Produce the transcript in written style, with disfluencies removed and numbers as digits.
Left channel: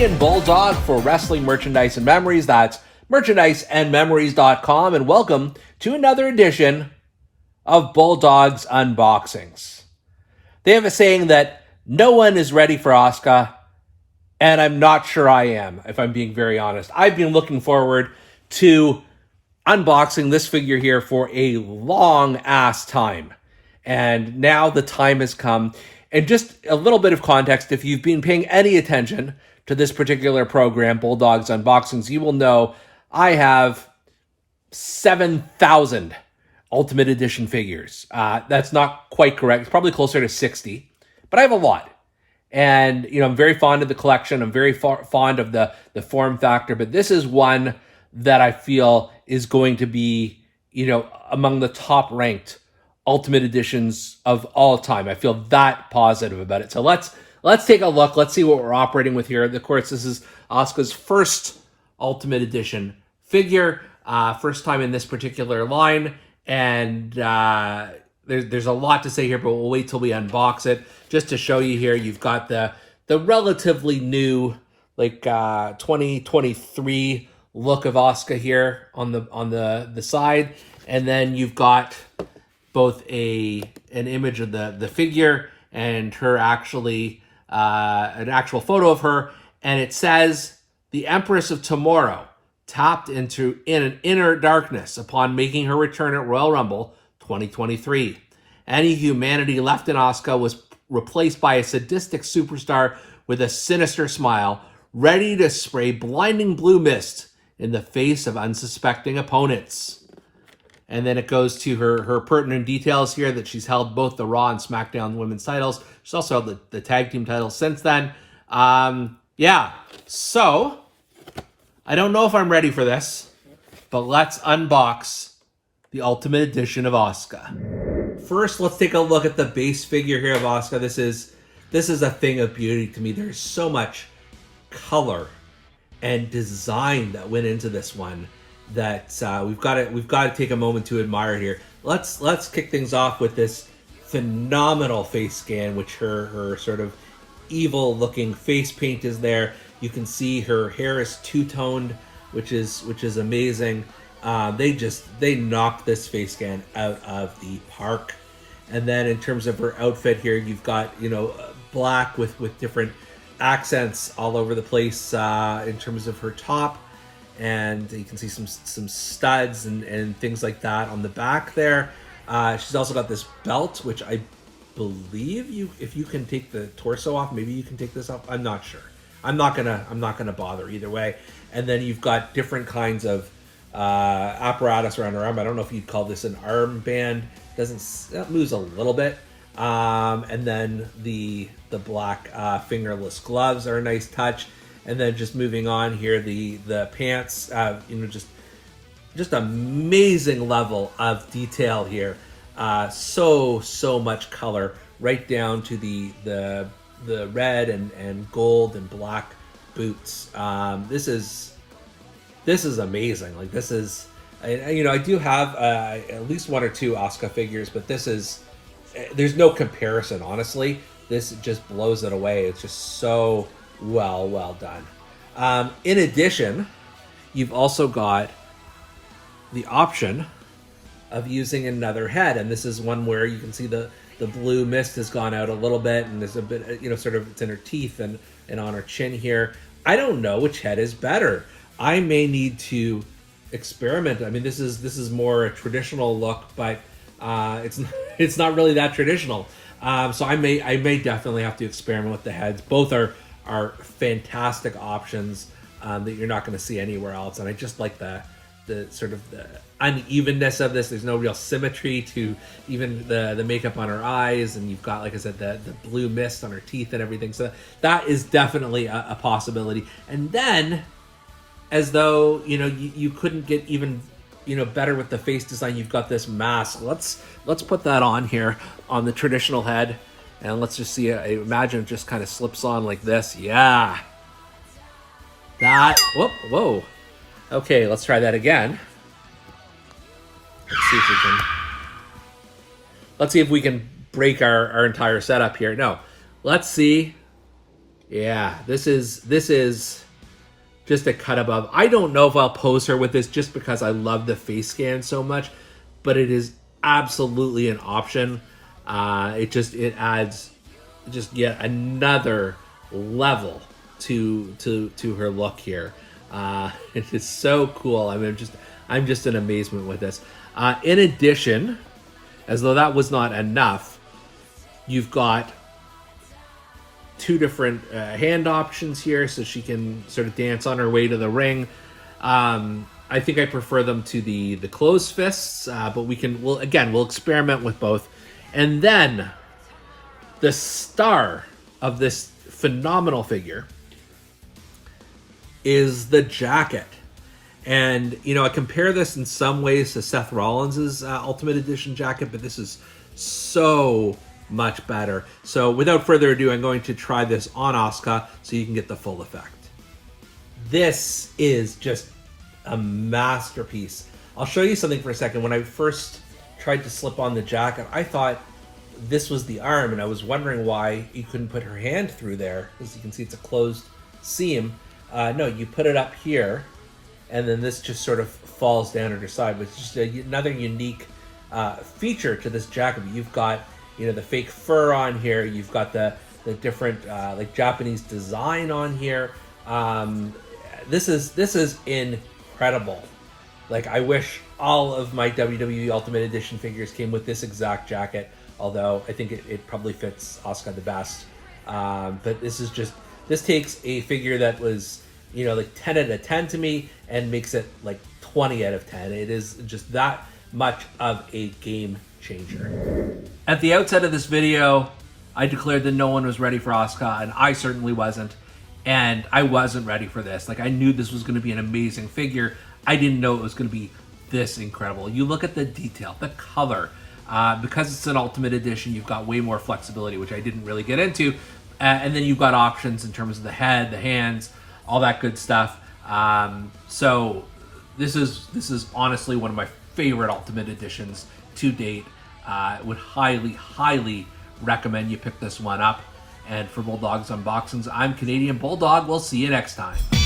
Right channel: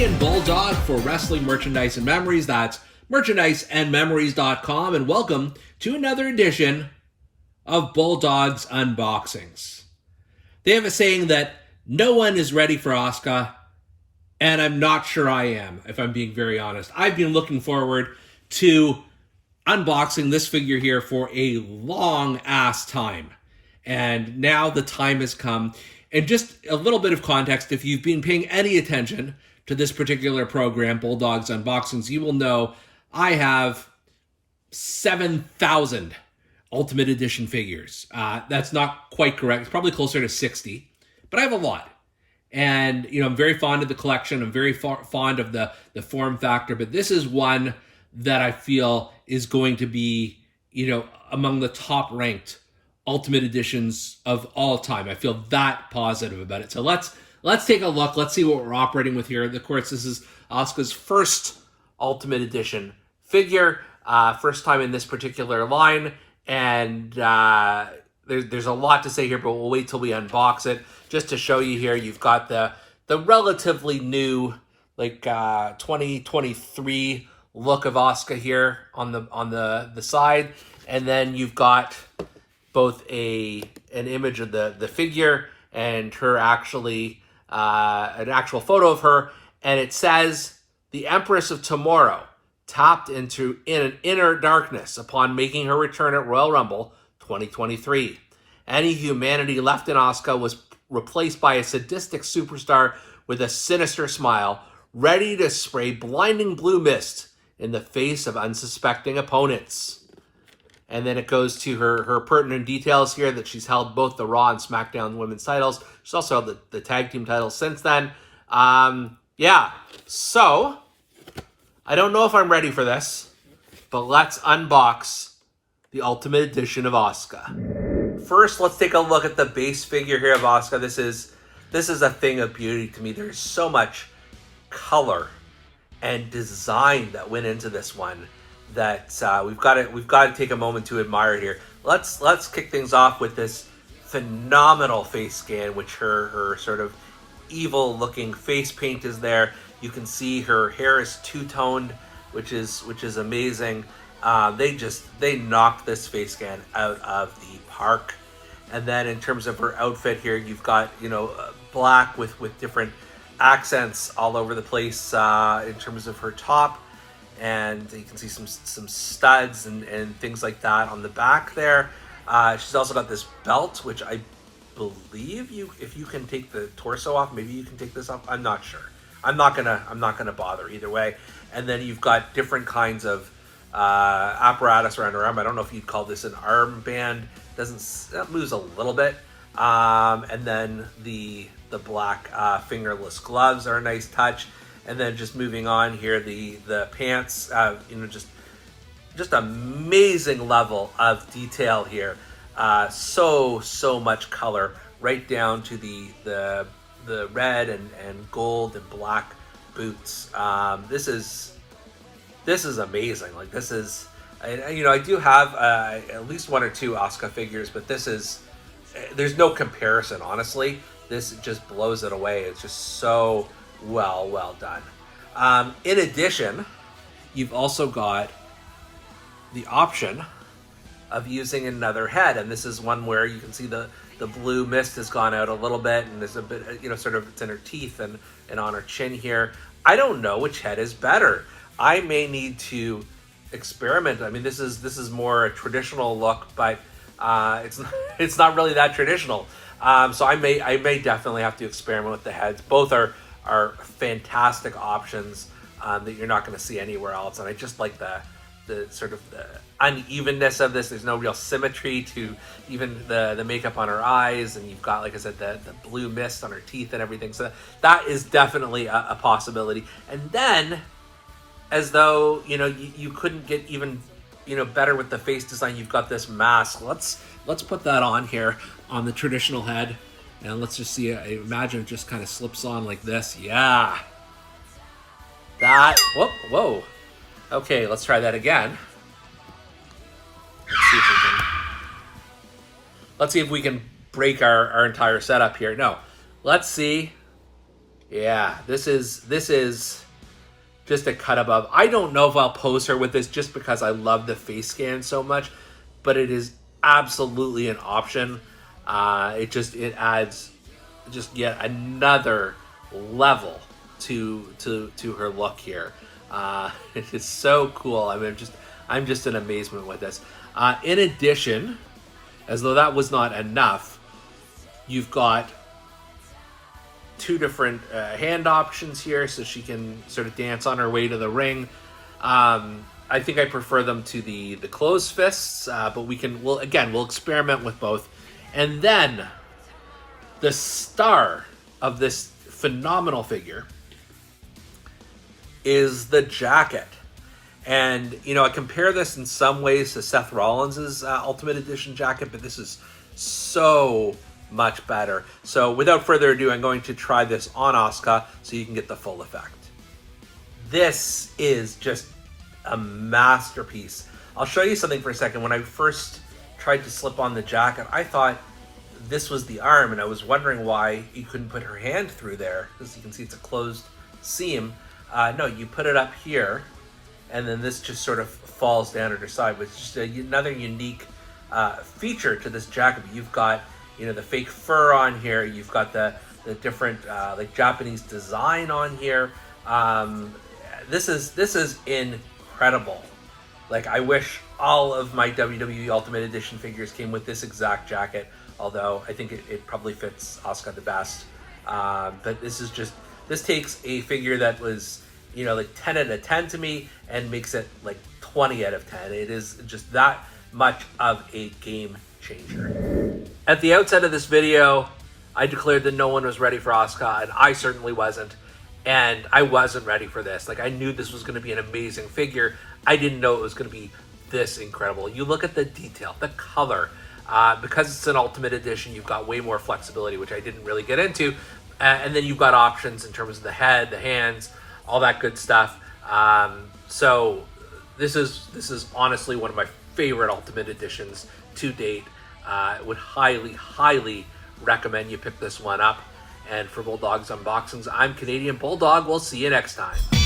me and Bulldog for wrestling merchandise and memories. That's merchandiseandmemories.com, and welcome to another edition of Bulldog's Unboxings. They have a saying that no one is ready for Asuka, and I'm not sure I am, if I'm being very honest. I've been looking forward to unboxing this figure here for a long-ass time, and now the time has come. And just a little bit of context, if you've been paying any attention to this particular program, Bulldog's Unboxings, you will know I have 7,000 Ultimate Edition figures. That's not quite correct. It's probably closer to 60, but I have a lot. And, you know, I'm very fond of the collection. I'm very fond of the form factor, but this is one that I feel is going to be, you know, among the top ranked Ultimate Editions of all time. I feel that positive about it. So let's take a look. Let's see what we're operating with here. Of course, this is Asuka's first Ultimate Edition figure, first time in this particular line, and there's a lot to say here, but we'll wait till we unbox it. Just to show you here, you've got the relatively new, like 2023 look of Asuka here on the side, and then you've got both an image of the figure and her actually an actual photo of her, and it says the Empress of Tomorrow tapped into an inner darkness upon making her return at Royal Rumble 2023. Any humanity left in Asuka was replaced by a sadistic superstar with a sinister smile, ready to spray blinding blue mist in the face of unsuspecting opponents. And then it goes to her pertinent details here that she's held both the Raw and SmackDown women's titles. She's also held the tag team titles since then. Yeah, so I don't know if I'm ready for this, but let's unbox the Ultimate Edition of Asuka. First, let's take a look at the base figure here of Asuka. This is a thing of beauty to me. There's so much color and design that went into this one that we've got to take a moment to admire here. Let's kick things off with this phenomenal face scan, which her sort of evil looking face paint is there. You can see her hair is two-toned, which is amazing. They knocked this face scan out of the park. And then in terms of her outfit here, you've got, you know, black with different accents all over the place in terms of her top. And you can see some studs and things like that on the back there. She's also got this belt, which I believe if you can take the torso off, maybe you can take this off. I'm not sure. I'm not gonna bother either way. And then you've got different kinds of apparatus around her arm. I don't know if you'd call this an armband. That moves a little bit. And then the black fingerless gloves are a nice touch. And then just moving on here, the pants, you know, just amazing level of detail here. So much color, right down to the red and gold and black boots. This is amazing. Like, this is, you know, I do have at least one or two Asuka figures, but there's no comparison, honestly. This just blows it away. It's just so well done. In addition, you've also got the option of using another head, and this is one where you can see the blue mist has gone out a little bit, and there's a bit, you know, sort of, it's in her teeth and on her chin here. I don't know which head is better. I may need to experiment. I mean, this is more a traditional look, but it's not really that traditional. So I may definitely have to experiment with the heads. Both are fantastic options that you're not going to see anywhere else, and I just like the sort of the unevenness of this. There's no real symmetry to even the makeup on her eyes, and you've got, like I said, the blue mist on her teeth and everything. So that is definitely a possibility. And then, as though, you know, you couldn't get even, you know, better with the face design, you've got this mask. Let's put that on here on the traditional head, and let's just see. I imagine it just kind of slips on like this. Yeah. That. Whoa. Okay, let's try that again. Let's see if we can break our entire setup here. No, let's see Yeah, this is just a cut above. I don't know if I'll pose her with this just because I love the face scan so much, but it is absolutely an option. It adds just yet another level to her look here. It is so cool. I mean, I'm just in amazement with this. In addition, as though that was not enough, you've got two different hand options here, so she can sort of dance on her way to the ring. I think I prefer them to the closed fists, but we'll experiment with both. And then the star of this phenomenal figure is the jacket. And, you know, I compare this in some ways to Seth Rollins' Ultimate Edition jacket, but this is so much better. So without further ado, I'm going to try this on Asuka so you can get the full effect. This is just a masterpiece. I'll show you something for a second. When I first tried to slip on the jacket, I thought this was the arm, and I was wondering why you couldn't put her hand through there. As you can see, it's a closed seam. No, you put it up here, and then this just sort of falls down at her side. But it's just another unique feature to this jacket. You've got, you know, the fake fur on here. You've got the different like Japanese design on here. This is incredible. Like, I wish all of my WWE Ultimate Edition figures came with this exact jacket, although I think it probably fits Asuka the best. But this takes a figure that was, you know, like 10 out of 10 to me and makes it like 20 out of 10. It is just that much of a game changer. At the outset of this video, I declared that no one was ready for Asuka, and I certainly wasn't. And I wasn't ready for this. Like, I knew this was going to be an amazing figure. I didn't know it was going to be this incredible. You look at the detail, the color. Because it's an Ultimate Edition, you've got way more flexibility, which I didn't really get into. And then you've got options in terms of the head, the hands, all that good stuff. So this is honestly one of my favorite Ultimate Editions to date. Would highly recommend you pick this one up. And for Bulldog's Unboxings, I'm Canadian Bulldog. We'll see you next time.